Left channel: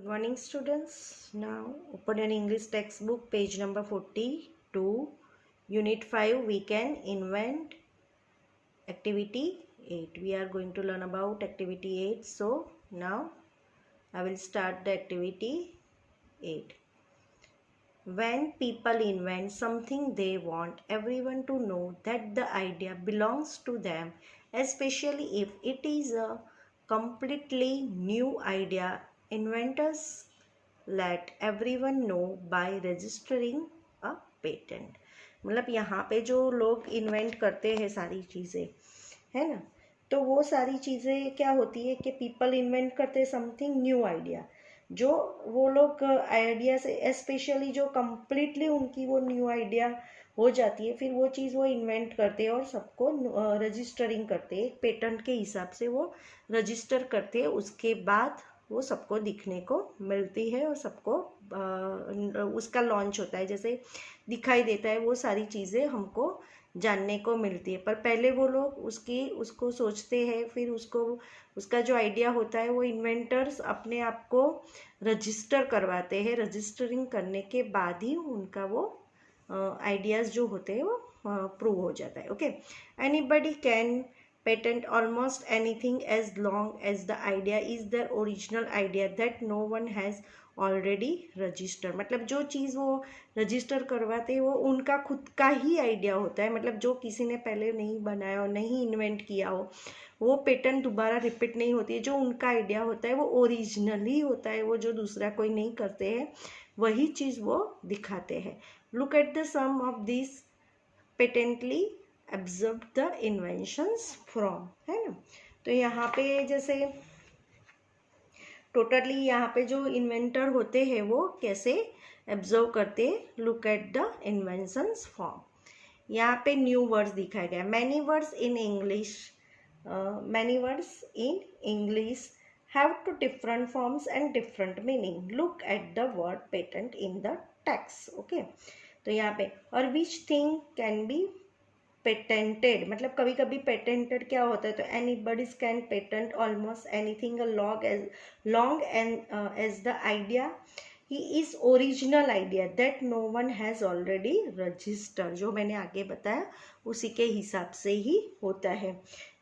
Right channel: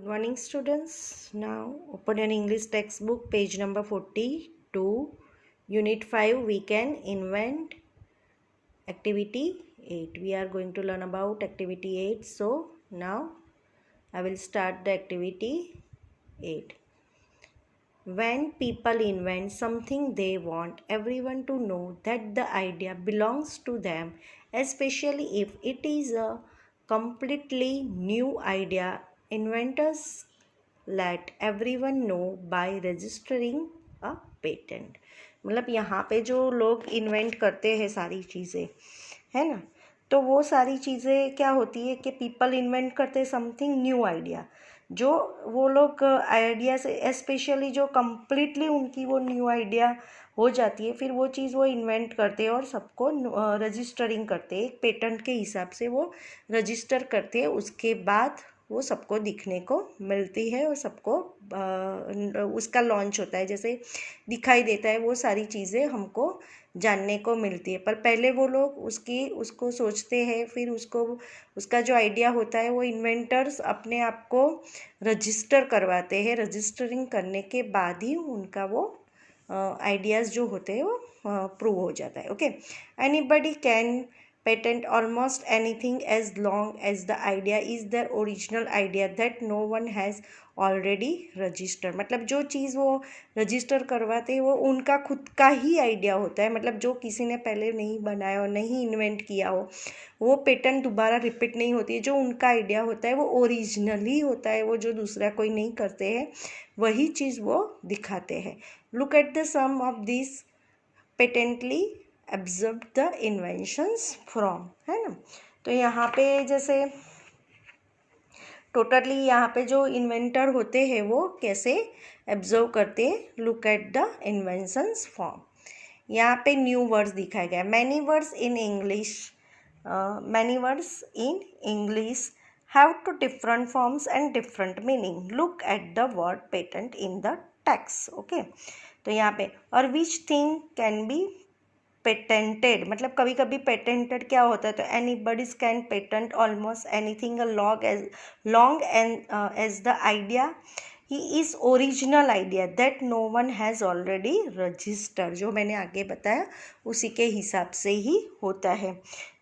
Good morning, students. Now open your English textbook, page number 42, Unit 5. We can invent activity 8. We are going to learn about activity 8. So now I will start the activity 8. When people invent something, they want everyone to know that the idea belongs to them, especially if it is a completely new idea. Inventors let everyone know by registering a patent. मतलब यहाँ पे जो लोग invent करते हैं सारी चीज़ें, है ना, तो वो सारी चीज़ें क्या होती है कि पीपल इन्वेंट करते हैं समथिंग न्यू आइडिया, जो वो लोग आइडिया से स्पेशली जो कम्प्लीटली उनकी वो न्यू आइडिया हो जाती है, फिर वो चीज़ वो इन्वेंट करते हैं और सबको रजिस्टरिंग करते हैं, एक पेटेंट के हिसाब से वो रजिस्टर करते हैं, उसके बाद वो सबको दिखने को मिलती है और सबको उसका लॉन्च होता है, जैसे दिखाई देता है, वो सारी चीज़ें हमको जानने को मिलती है। पर पहले वो लोग उसको सोचते हैं, फिर उसका जो आइडिया होता है वो इन्वेंटर्स अपने आप को रजिस्टर करवाते हैं, रजिस्टरिंग करने के बाद ही उनका वो आइडियाज़ जो होते हैं वो प्रूव हो जाता है। Okay, anybody can patent almost anything as long as the idea is their original idea that no one has already registered। मतलब जो चीज़ वो रजिस्टर करवाते हैं वो उनका खुद का ही आइडिया होता है, मतलब जो किसी ने पहले नहीं बनाया और नहीं इन्वेंट किया हो, वो पेटेंट दोबारा रिपीट नहीं होती है। जो उनका आइडिया होता है वो ओरिजिनल ही होता है, वो जो दूसरा कोई नहीं करते हैं वही चीज़ वो दिखाते हैं। Look at the some of this patently observe the inventions from, है ना। तो यहाँ पे जैसे टोटली यहाँ पे जो इन्वेंटर होते हैं वो कैसे ऑब्जर्व करते हैं, look at the inventions from. यहाँ पे न्यू वर्ड्स दिखाया गया, many words in English have two different forms and different meaning, look at the word patent in the text. Okay, तो यहाँ पे और which thing can be patented, मतलब कभी कभी पेटेंटेड क्या होता है, तो anybody's can patent almost anything long as the idea ही is original idea that no one has already registered, जो मैंने आगे बताया उसी के हिसाब से ही होता है।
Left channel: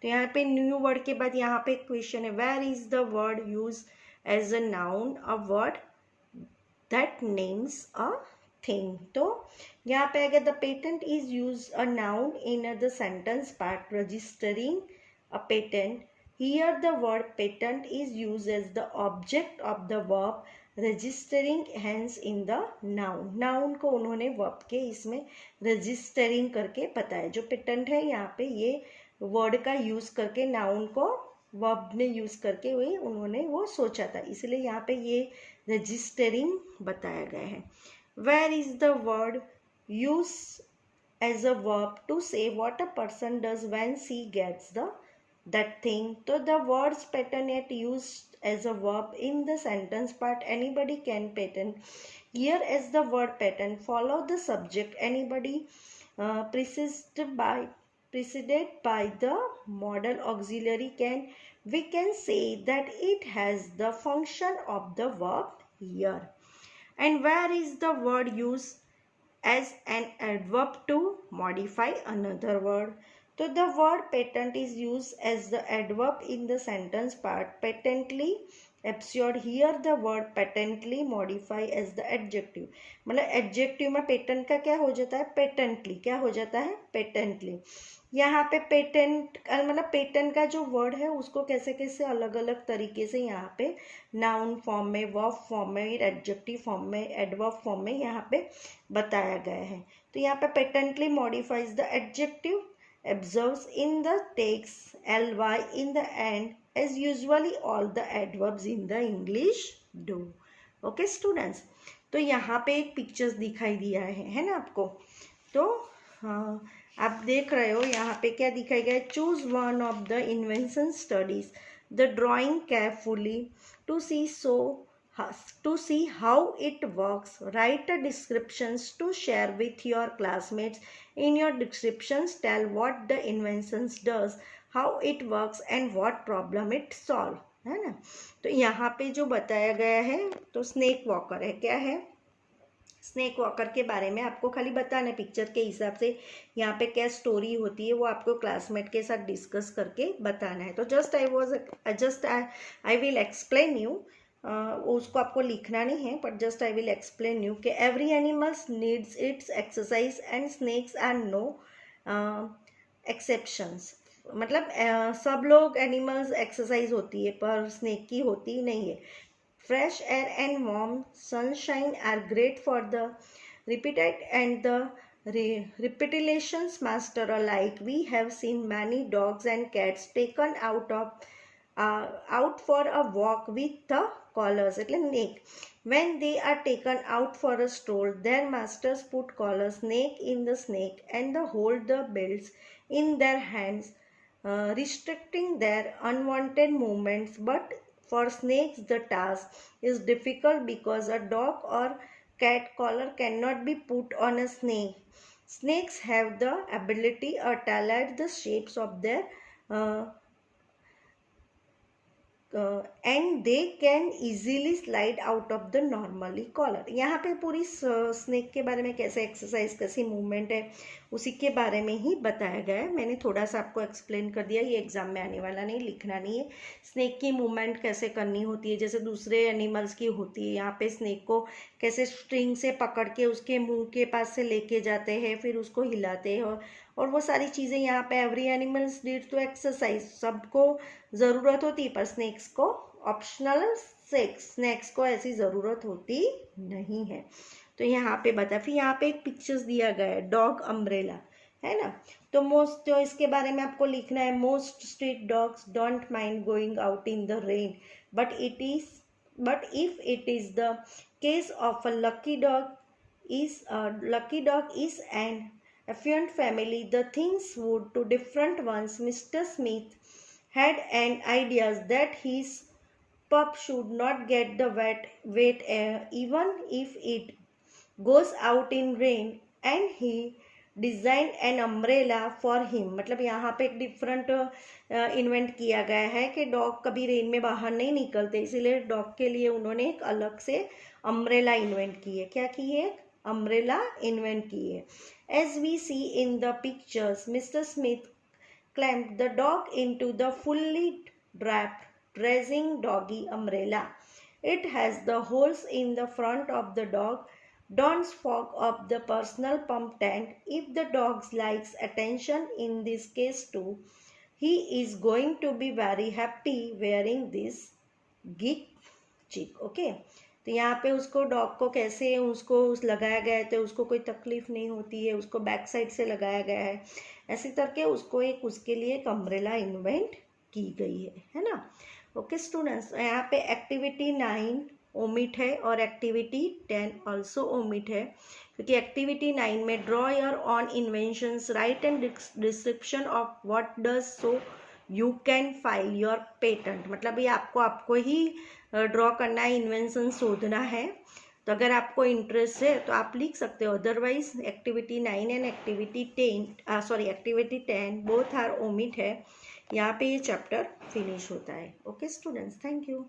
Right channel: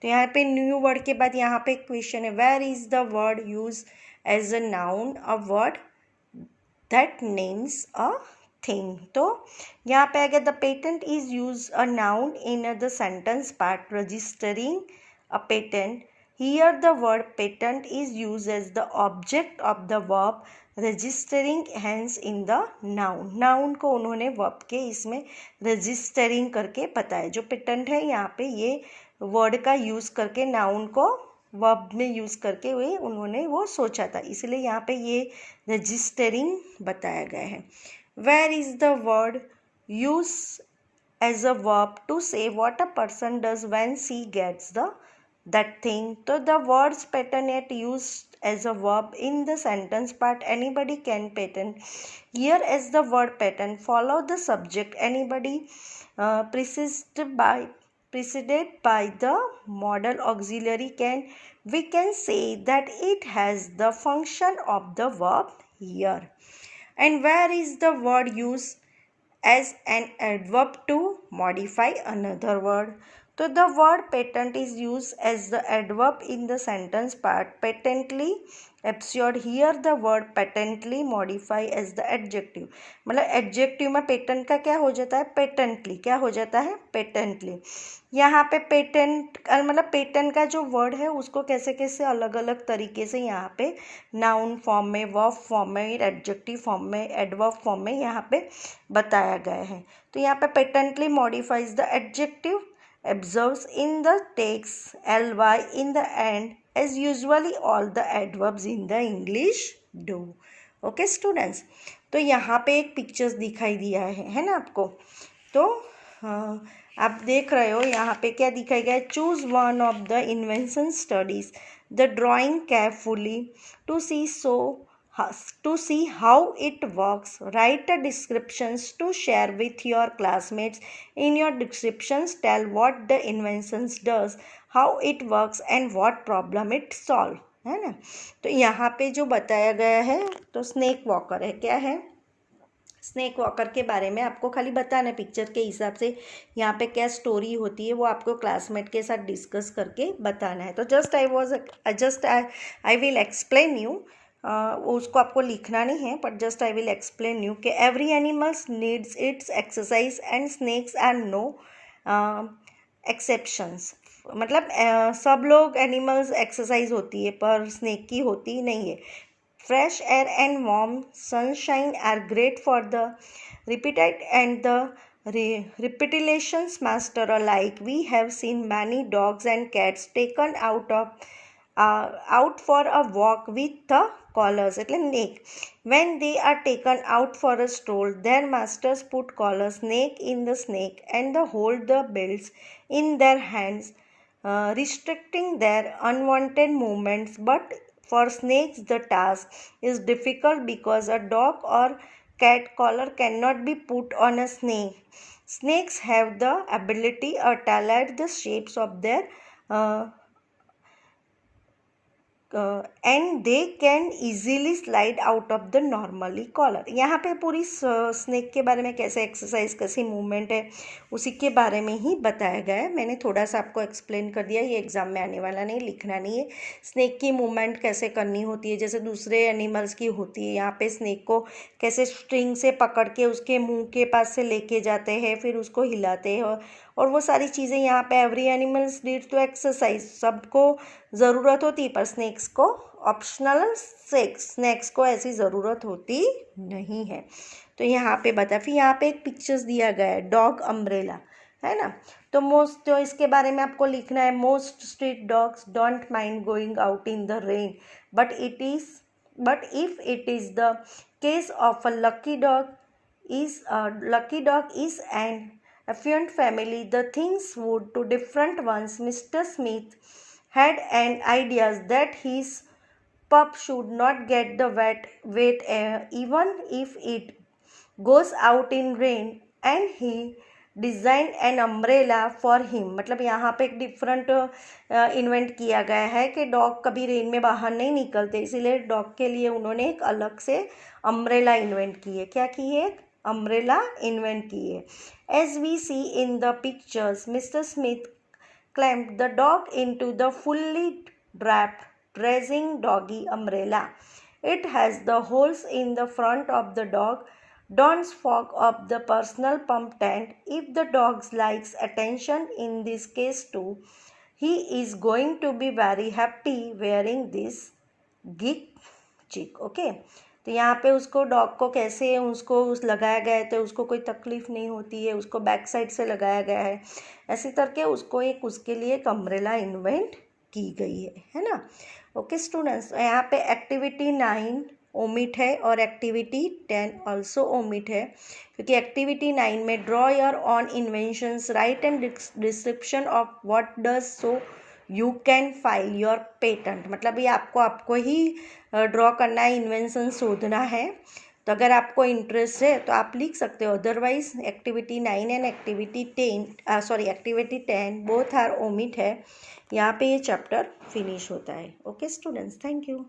तो यहाँ पे न्यू वर्ड के बाद यहाँ पे क्वेश्चन है, where is the word use as a noun, a word that names a thing. तो यहाँ पे अगर the patent is use a noun in the sentence part registering a patent, here the word patent is use as the object of the verb registering hence in the noun. Noun को उन्होंने verb के इसमें registering करके बताया, जो patent है यहाँ पे ये वर्ड का यूज़ करके नाउन को वर्ब में यूज़ करके उन्होंने वो सोचा था, इसलिए यहाँ पे ये रजिस्टरिंग बताया गया है। Where is the word used as a verb to say what a person does when she gets that thing? So the words patent yet used as a verb in the sentence part anybody can patent. Here as the word patent follow the subject anybody preceded by the modal auxiliary we can say that it has the function of the verb here. And where is the word used as an adverb to modify another word? So the word patent is used as the adverb in the sentence part patently absurd, here the word patently modify as the adjective। मतलब adjective में patent का क्या हो जाता है, patently क्या हो जाता है, patently। यहाँ पे पेटेंट मतलब पेटेंट का जो वर्ड है उसको कैसे कैसे अलग अलग तरीके से यहाँ पे नाउन फॉर्म में, वर्ब फॉर्म में, एडजेक्टिव फॉर्म में, एडवर्ब फॉर्म में यहाँ पे बताया गया है। तो यहाँ पे patently modifies the adjective, observes in the text ly in the end as usually all the adverbs in the English do। Okay students, तो यहाँ पे एक पिक्चर्स दिखाई दिया है ना आपको, तो आप देख रहे हो यहाँ पे क्या दिखाया गया है, choose one of the invention studies the drawing carefully to see how it works, write a descriptions to share with your classmates. In your descriptions tell what the inventions does, how it works and what problem it solve, है ना। तो यहाँ पे जो बताया गया है तो स्नेक वॉकर है, क्या है, स्नेक वॉकर के बारे में आपको खाली बताना है पिक्चर के हिसाब से, यहाँ पे क्या स्टोरी होती है वो आपको क्लासमेट के साथ डिस्कस करके बताना है। तो आई विल एक्सप्लेन यू, उसको आपको लिखना नहीं है, but just I will explain you कि every animals needs its exercise and snakes are no exceptions. मतलब सब लोग एनिमल्स एक्सरसाइज होती है पर स्नेक की होती नहीं है। Fresh air and warm sunshine are great for the repeated and the repetitions master alike. We have seen many dogs and cats taken out for a walk with the collars, એટલે neck. When they are taken out for a stroll, their masters put collars neck in the snake and they hold the belts in their hands, restricting their unwanted movements. But for snakes, the task is difficult because a dog or cat collar cannot be put on a snake. Snakes have the ability to talent the shapes of their and they can easily slide out of the normally collar. यहाँ पे पूरी snake के बारे में कैसे exercise, कैसी movement है, उसी के बारे में ही बताया गया है। मैंने थोड़ा सा आपको एक्सप्लेन कर दिया, ये एग्जाम में आने वाला नहीं, लिखना नहीं है। स्नेक की मूवमेंट कैसे करनी होती है जैसे दूसरे एनिमल्स की होती है, यहाँ पे स्नेक को कैसे स्ट्रिंग से पकड़ के उसके मुंह के पास से लेके जाते हैं, फिर उसको हिलाते हैं, और वो सारी चीज़ें यहाँ पे every animals needs to exercise, सबको ज़रूरत होती है पर स्नेक्स को ऑप्शनल, स्नेक्स को ऐसी ज़रूरत होती नहीं है। तो यहाँ पे बता, फिर यहाँ पे एक पिक्चर्स दिया गया है डॉग अम्ब्रेला, है ना। तो तो इसके बारे में आपको लिखना है, most street dogs don't mind going out in the rain but if it is the case of a lucky dog is an affluent family, the things would to different ones. Mr. Smith had an idea that his pup should not get the wet air even if it goes out in rain, and he designed an umbrella for him. मतलब यहाँ पे एक different invent किया गया है कि dog कभी rain में बाहर नहीं निकलते, इसीलिए डॉग के लिए उन्होंने एक अलग से अम्ब्रेला इन्वेंट की है। क्या की है? अम्ब्रेला इन्वेंट की है। As we see in the pictures, Mr. Smith clamped the dog into the fully draped racing doggy umbrella. It has the holes in the front of the dog. Don't fog up the personal pump tent. If the dog likes attention in this case too, he is going to be very happy wearing this gig chick. Okay. तो यहाँ पे उसको dog को कैसे उसको लगाया गया है तो उसको कोई तकलीफ़ नहीं होती है, उसको बैक साइड से लगाया गया है, ऐसे करके उसको एक उसके लिए एक अम्ब्रेला इन्वेंट की गई है ना। ओके स्टूडेंट्स, यहाँ पे एक्टिविटी 9 ओमिट है और एक्टिविटी 10 ऑल्सो ओमिट है, क्योंकि एक्टिविटी 9 में draw your on inventions, right and description of what does so you can file your patent. मतलब ये आपको ही ड्रॉ करना है, इन्वेंशन शोधना है। तो अगर आपको इंटरेस्ट है तो आप लिख सकते हो, otherwise activity 9 and activity 10 both are omit है। यहाँ पे ये चैप्टर फिनिश होता है। Okay students, thank you.